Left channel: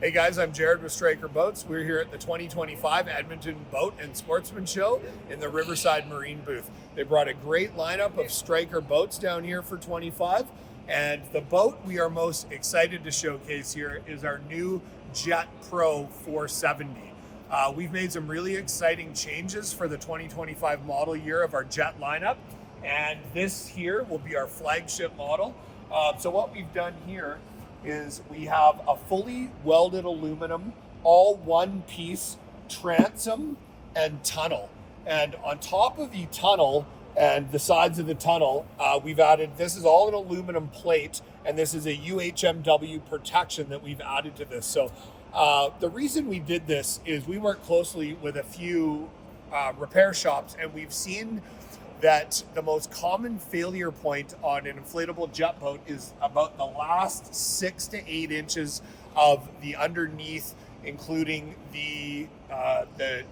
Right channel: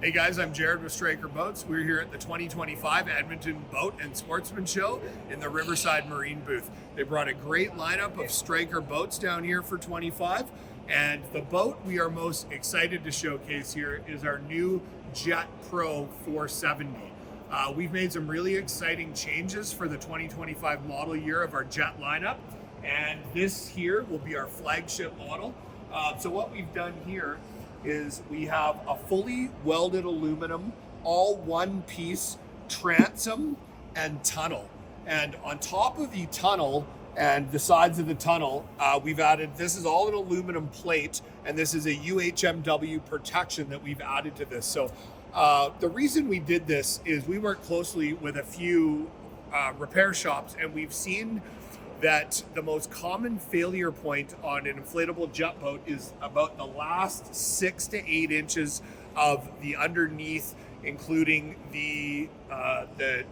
Hey guys, I'm Jared with Stryker Boats. We're here at the 2025 Edmonton Boat and Sportsman Show in the Riverside Marine booth. They brought a great lineup of Stryker boats down here for 25, and the boat we are most excited to showcase here is our new Jet Pro 470. We've made some really exciting changes for the 2025 model year of our Jet lineup, and this here will be our flagship model. So what we've done here is we have a fully welded aluminum, all one piece transom and tunnel. And on top of the tunnel and the sides of the tunnel, we've added, this is all an aluminum plate, and this is a UHMW protection that we've added to this. So the reason we did this is we work closely with a few repair shops, and we've seen that the most common failure point on an inflatable jet boat is about the last 6 to 8 inches of the underneath, including the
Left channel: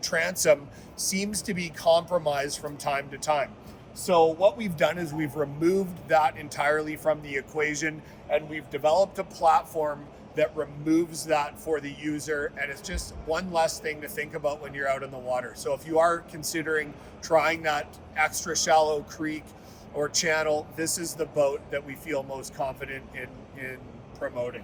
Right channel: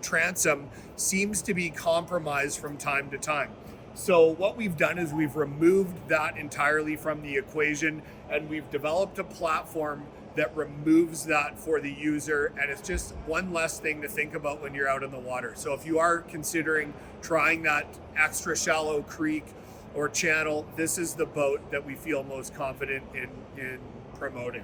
transom, seems to be compromised from time to time. So what we've done is we've removed that entirely from the equation, and we've developed a platform that removes that for the user, and it's just one less thing to think about when you're out in the water. So if you are considering trying that extra shallow creek or channel, this is the boat that we feel most confident in promoting.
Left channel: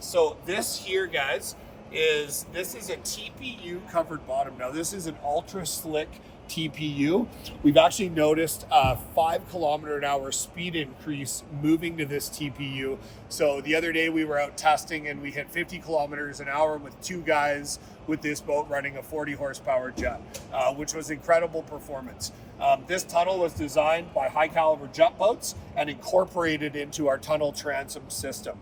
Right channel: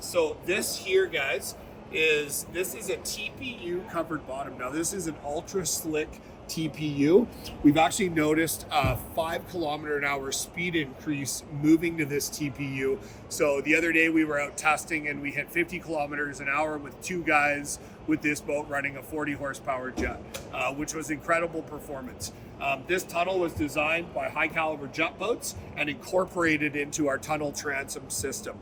So this here, guys, this is a TPU covered bottom. Now this is an ultra slick TPU. We've actually noticed a 5 km/h speed increase moving to this TPU. So the other day we were out testing and we hit 50 km/h with 2 guys with this boat running a 40 horsepower jet, which was incredible performance. This tunnel was designed by High Caliber Jet Boats and incorporated into our tunnel transom system.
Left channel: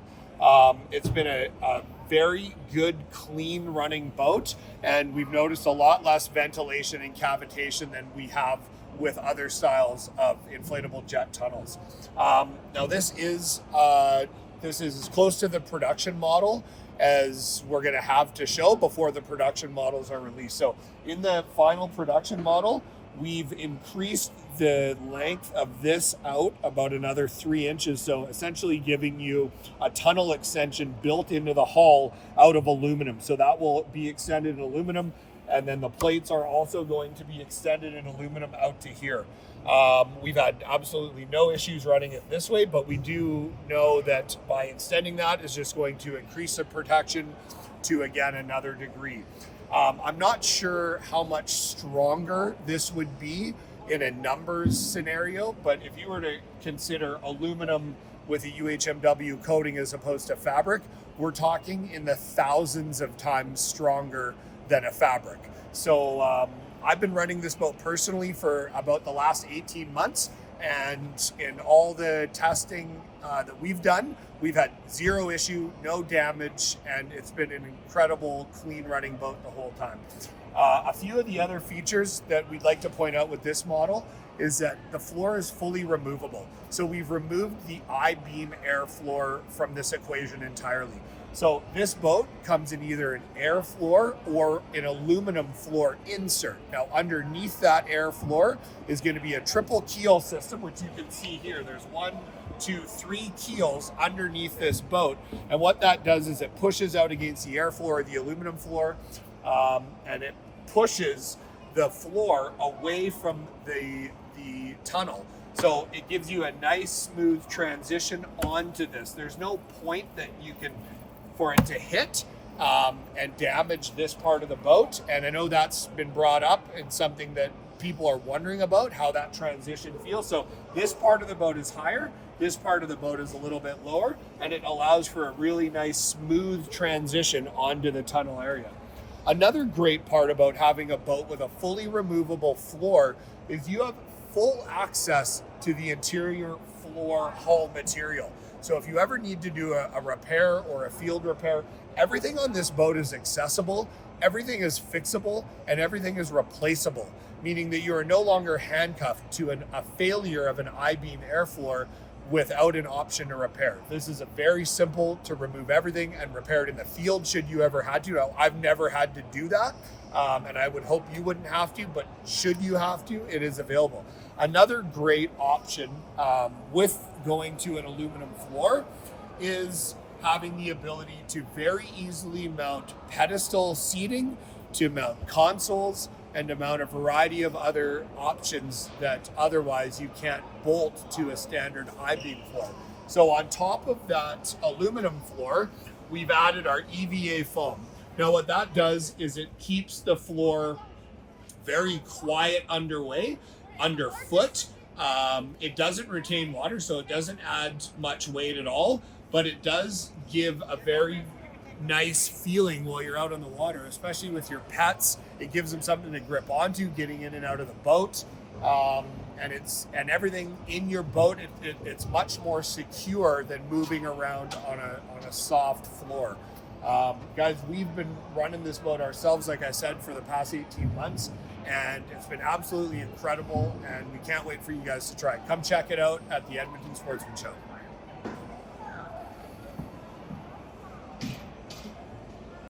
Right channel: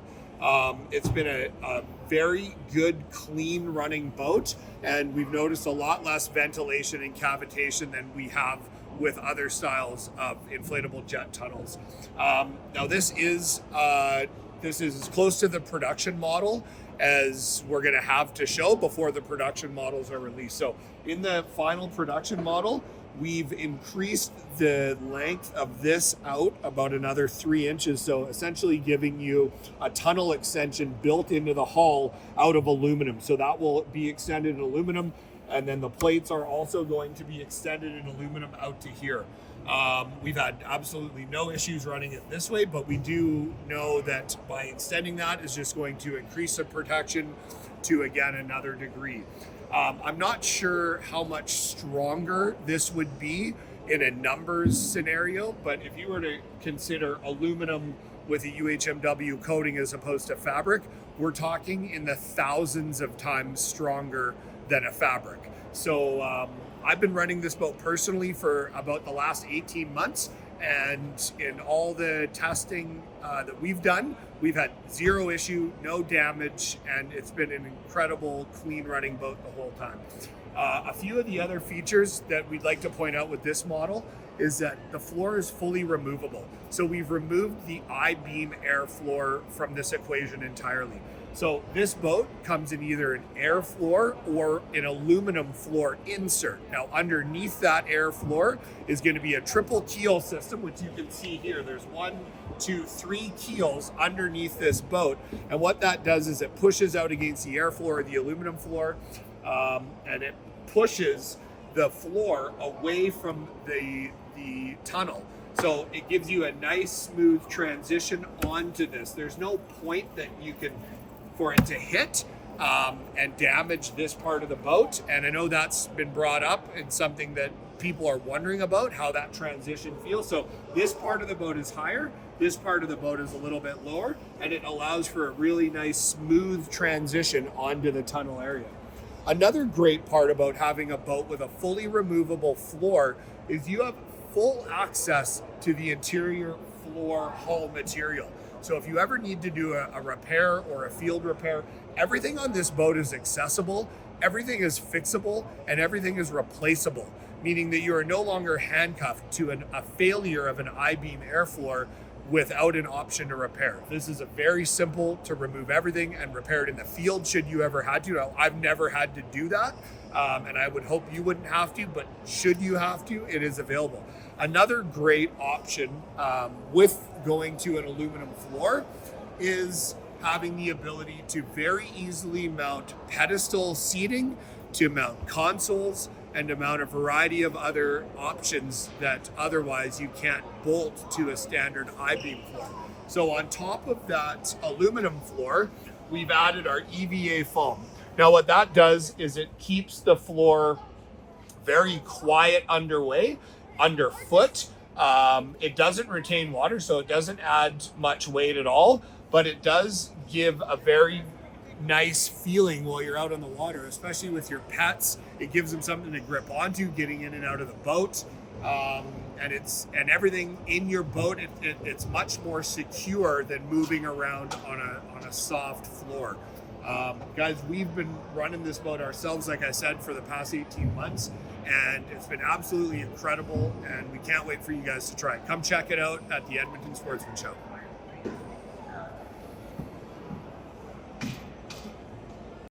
It's been a very good, clean running boat, and we've noticed a lot less ventilation and cavitation than we have with other styles of inflatable jet tunnels. Now this is as close to the production model as we're going to have to show before the production models are released. So in the final production model, we've increased the length of this out about another 3 inches. So essentially giving you a tunnel extension built into the hull out of aluminum. So that will be extended in aluminum. And then the plates are also going to be extended in aluminum out to here. We've had absolutely no issues running it this way, but we do know that by extending that is just going to increase the protection to, again, another degree. I'm not sure how much stronger this would be in a numbers scenario, but if you were to consider aluminum with a UHMW coating as opposed to fabric, we're talking in the thousands of times stronger than a fabric. So I've been running this boat personally for about the last 18 months, and in all the testing that we've done, we've had 0 issue, no damage, and it's been an incredible clean running boat the whole time. A few of the other features that we'd like to point out with this model is that the floor is fully removable. So we've removed the I-beam air floor from this equation entirely. So this boat comes in either an air floor or an aluminum floor insert. Now underneath that air floor is going to be a triple keel system, which you can see here. There's 1, 2, 3 keels underneath this boat. And what that does is it pushes out against the air floor, the aluminum floor, and it pushes the floor away from the tunnel. So it gives you a nice smooth transition onto this. There's no point that you can for it to hit and damage this part of the boat. And I know that's been brought up and something that people are wondering about, how that transition feels. So this part of the boat is higher, this part of the boat is a little bit lower, and it allows for a really nice smooth transition onto the tunnel area. Another great part about having a boat with a fully removable floor is you have full access to the interior floor hull material. So if you ever need to do a repair or a field repair, everything on this boat is accessible, everything is fixable, and everything is replaceable, meaning that you are no longer handcuffed to a failure of an I-beam air floor without an option to repair. This is a very simple to remove everything and repair it in the field should you ever had to. Now, I've never had to do that, and I would hope you wouldn't have to, but should you have to, it is available. Another great option with going to an aluminum floor is having the ability to very easily mount pedestal seating, to mount consoles, and to mount a variety of other options that otherwise you can't bolt to a standard I-beam floor. So on top of that aluminum floor, we've added our EVA foam. Now what that does is it keeps the floor very quiet underfoot. It doesn't retain water, so it doesn't add much weight at all, but it does give a very nice feeling while you're out on the water, especially with your pets. It gives them something to grip onto, getting in and out of the boat. And everything in your boat, it's much more secure than moving around on a soft floor. Guys, we've been running this boat ourselves, like I said, for the past 18 months, and it's been absolutely incredible, and we can't wait for you guys to try it. Come check it out at the Edmonton Sportsman Show.